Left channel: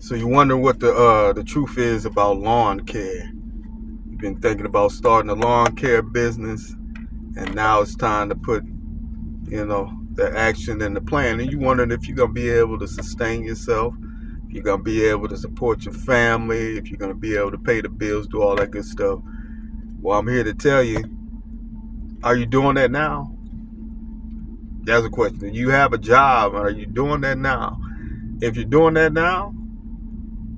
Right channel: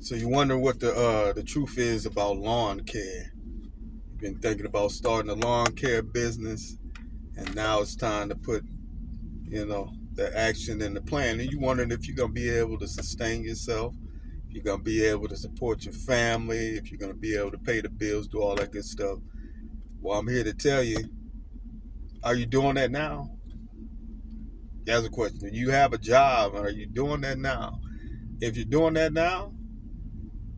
So you wonder what the truth is about lawn care. You've been thinking about starting a lawn care business, and now it's time to put, the action and the plan. And you wondering if you're gonna be able to sustain yourself, if you're gonna be able to support your family, if you're gonna be able to pay the bills, do all that good stuff. Well, I'm here to tell you, are you doing that now? That's a question. You have a job. Are you doing that now? If you're doing that now,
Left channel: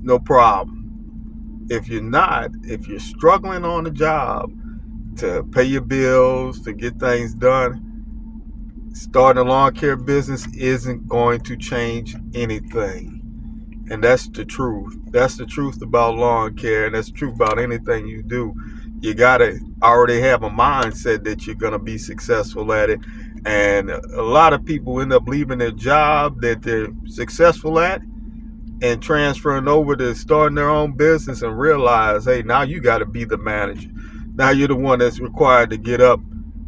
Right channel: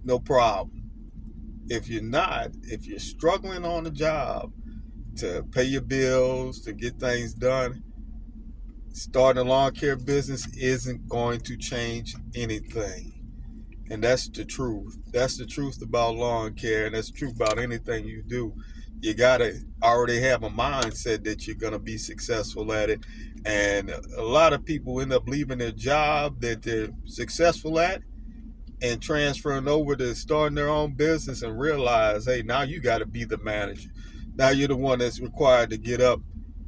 no problem. If you're not, if you're struggling on the job to pay your bills, to get things done, starting a lawn care business isn't going to change anything. And that's the truth. That's the truth about lawn care, and that's the truth about anything you do. You gotta already have a mindset that you're gonna be successful at it. And a lot of people end up leaving their job that they're successful at and transferring over to starting their own business and realize, hey, now you got to be the manager. Now you're the one that's required to get up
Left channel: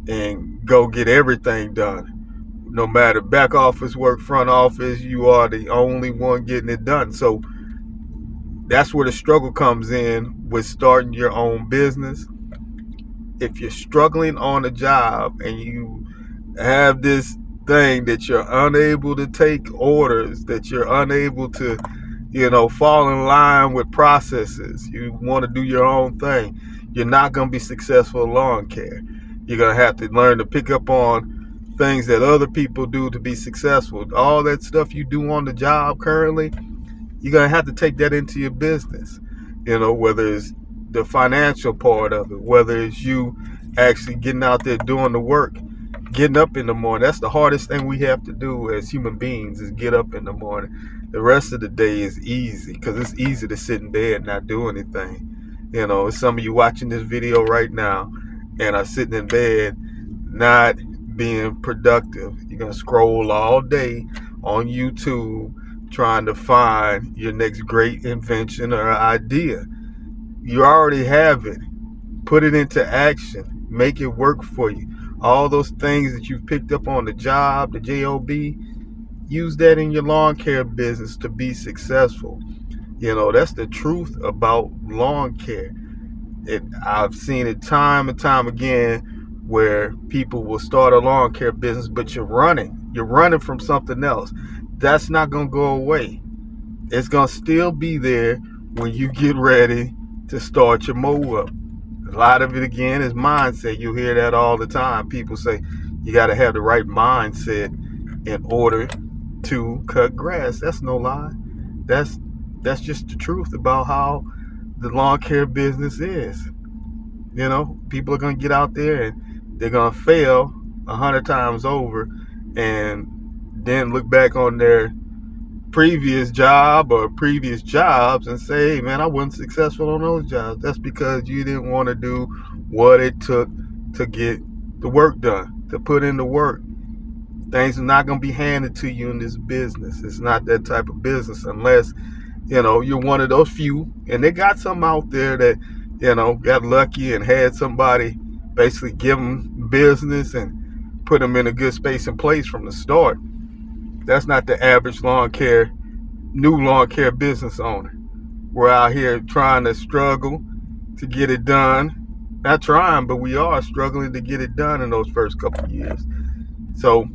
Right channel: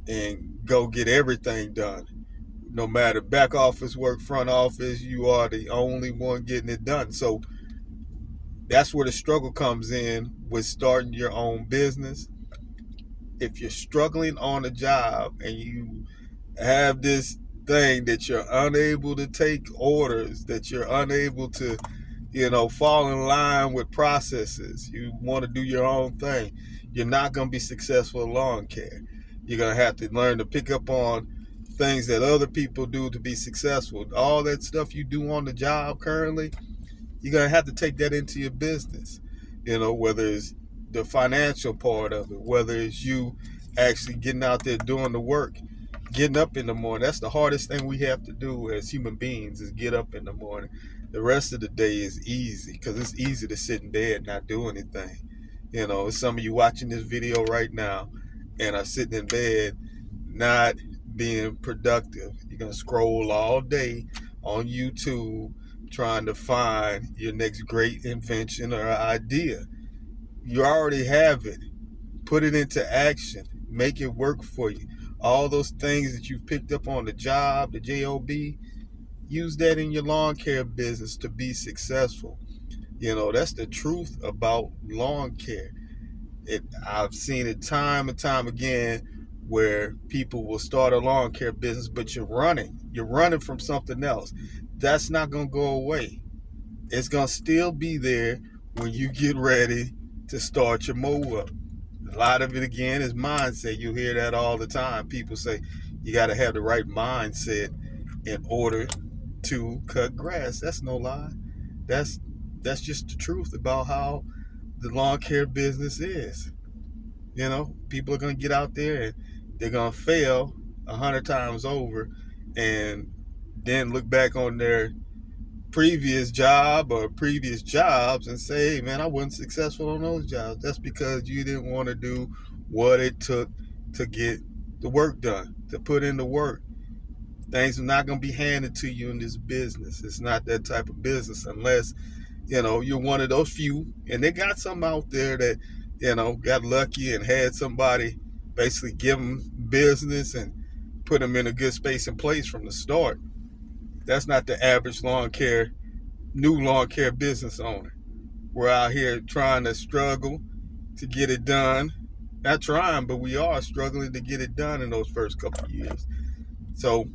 and go get everything done. No matter back office work, front office, you are the only one getting it done. So that's where the struggle comes in with starting your own business. If you're struggling on a job and you have this thing that you're unable to take orders, that you're unable to fall in line with processes, you want to do your own thing, you're not going to be successful in lawn care. You're going to have to learn to pick up on things that other people do to be successful. All that stuff you do on the job currently, you're going to have to take that into your business. Whether it's the financial part of it, whether it's you actually getting out there doing the work, getting up in the morning. That's the hardest thing we have to do as human beings, is get up in the morning. The rest of the day is easy because it's easy to sit in bed and not do anything. Some of you watching this video right now and are sitting in bed not being productive. You're going to scroll all day on YouTube trying to find your next great invention or idea. You already have it. Put it into action. Make it work for you. All those things that you've picked up on the job, the job, use that in your lawn care business to be successful. That's the truth about lawn care. I've seen it time and time again where people will start a lawn care business, but you're running from something else. That's not going to go away. It's going to still be there when you get ready to start your mow up. A lot of it, again, is mindset. You hear that all the time. People say you got to have the right mindset in order to cut grass. That's no lie. That's just the truth about how the lawn care business is. People are going to get out there and they're going to fail 100 times over and then look back on their previous job or previous jobs and say, hey, man, I wasn't successful on those jobs. That's because you didn't want to do what it took to get the work done, to put in the work. Things are not going to be handed to you in this business. It's not that type of business unless, you're one of those few. And they got some out there that, got lucky and had somebody basically give them business and put them in a good space and place from the start. That's not the average new lawn care business owner. We're out here trying to struggle to get it done. Not trying, but we are struggling to get it done in those first couple of years. So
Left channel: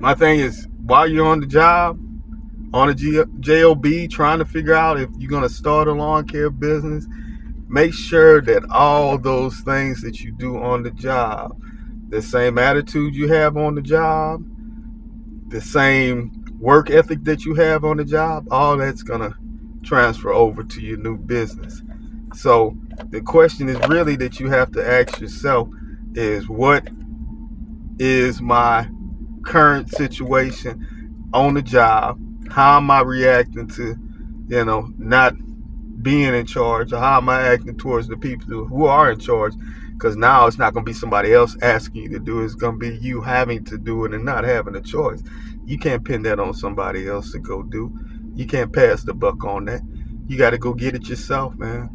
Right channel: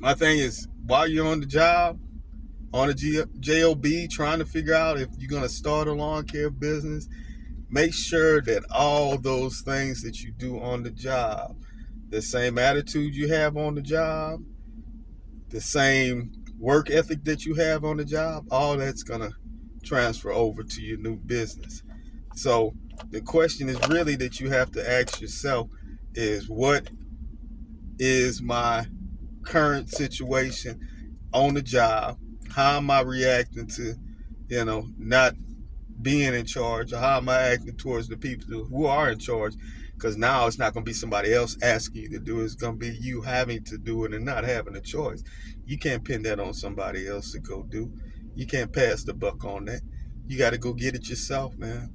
my thing is, while you're on the job, on a job, trying to figure out if you're going to start a lawn care business, make sure that all those things that you do on the job, the same attitude you have on the job, the same work ethic that you have on the job, all that's going to transfer over to your new business. So the question is really that you have to ask yourself is, what is my current situation on the job? How am I reacting to, not being in charge? Or how am I acting towards the people who are in charge? Because now it's not going to be somebody else asking you to do it. It's going to be you having to do it and not having a choice. You can't pin that on somebody else to go do. You can't pass the buck on that. You got to go get it yourself, man.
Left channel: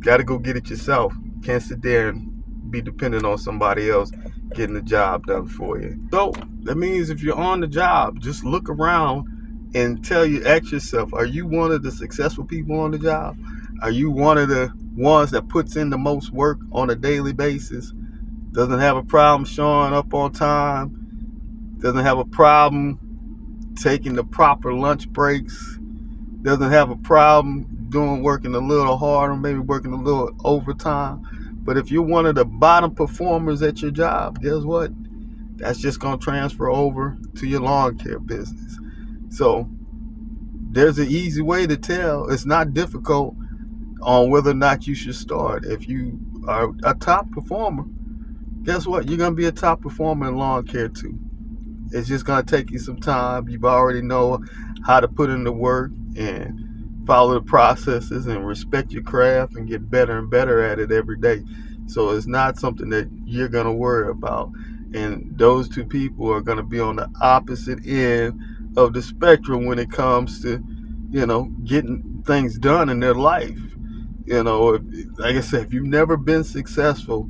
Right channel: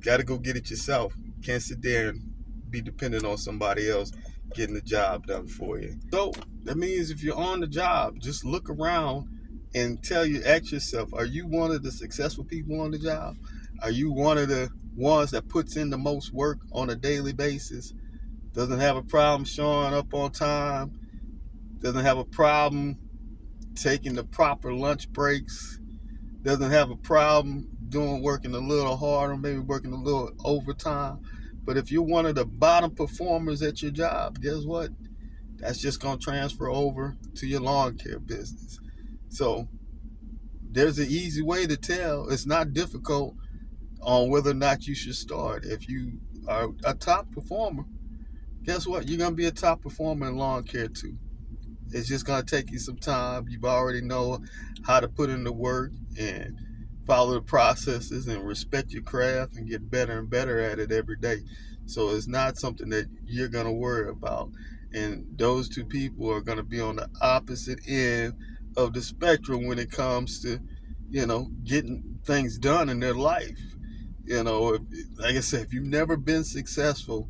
Got to go get it yourself. Can't sit there and be dependent on somebody else getting the job done for you. So that means if you're on the job, just look around and ask yourself, are you one of the successful people on the job? Are you one of the ones that puts in the most work on a daily basis? Doesn't have a problem showing up on time? Doesn't have a problem taking the proper lunch breaks? Doesn't have a problem working a little harder, maybe working a little overtime? But if you're one of the bottom performers at your job, guess what? That's just going to transfer over to your lawn care business. So there's an easy way to tell. It's not difficult on whether or not you should start. If you are a top performer, guess what? You're going to be a top performer in lawn care too. It's just going to take you some time. You already know how to put in the work and follow the processes and respect your craft and get better and better at it every day. So it's not something that you're going to worry about. And those two people are going to be on the opposite end of the spectrum when it comes to, getting things done in their life. Like I said, if you've never been successful,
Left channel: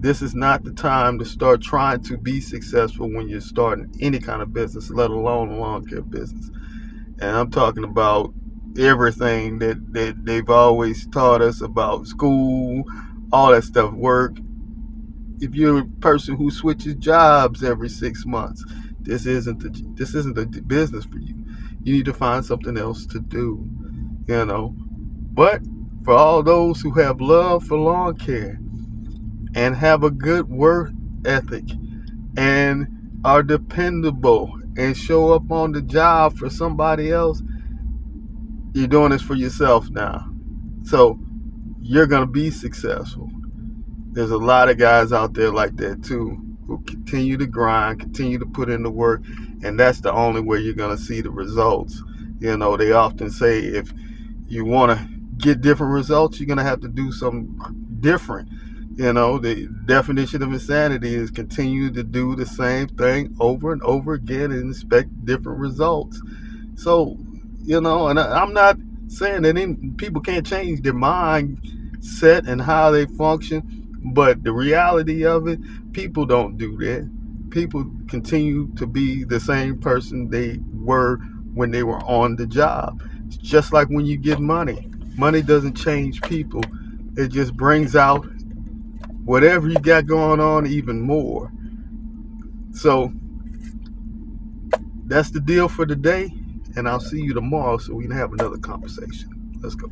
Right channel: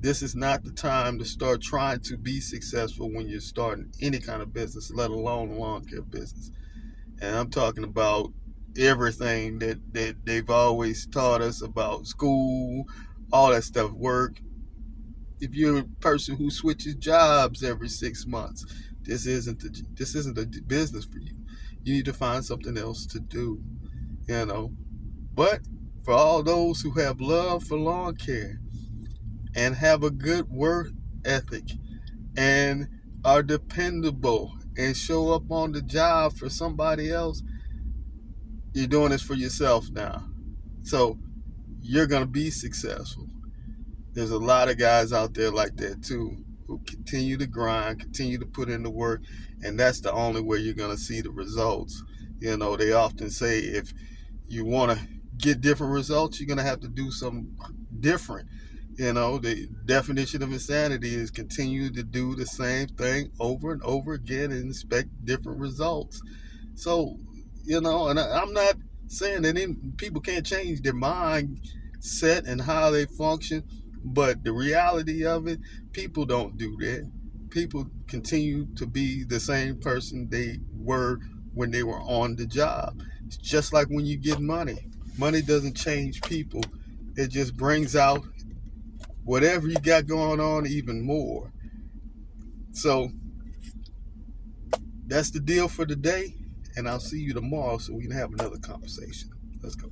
this is not the time to start trying to be successful when you're starting any kind of business, let alone a lawn care business. And I'm talking about everything that they've always taught us about school, all that stuff, work. If you're a person who switches jobs every 6 months, this isn't the business for you. You need to find something else to do, But for all those who have love for lawn care and have a good work ethic and are dependable and show up on the job for somebody else, you're doing this for yourself now. So you're going to be successful. There's a lot of guys out there like that too, who continue to grind, continue to put in the work, and that's the only way you're going to see the results. They often say if you want to get different results, you're going to have to do something different. The definition of insanity is continue to do the same thing over and over again and expect different results. So, and I'm not saying that people can't change their mindset and how they function, but the reality of it, people don't do that. People continue to be the same person they were when they were on the job. It's just like when you get money. Money doesn't change people. It just brings out whatever you got going on even more. So that's the deal for today, and I'll see you tomorrow so we can have another conversation. Let's go.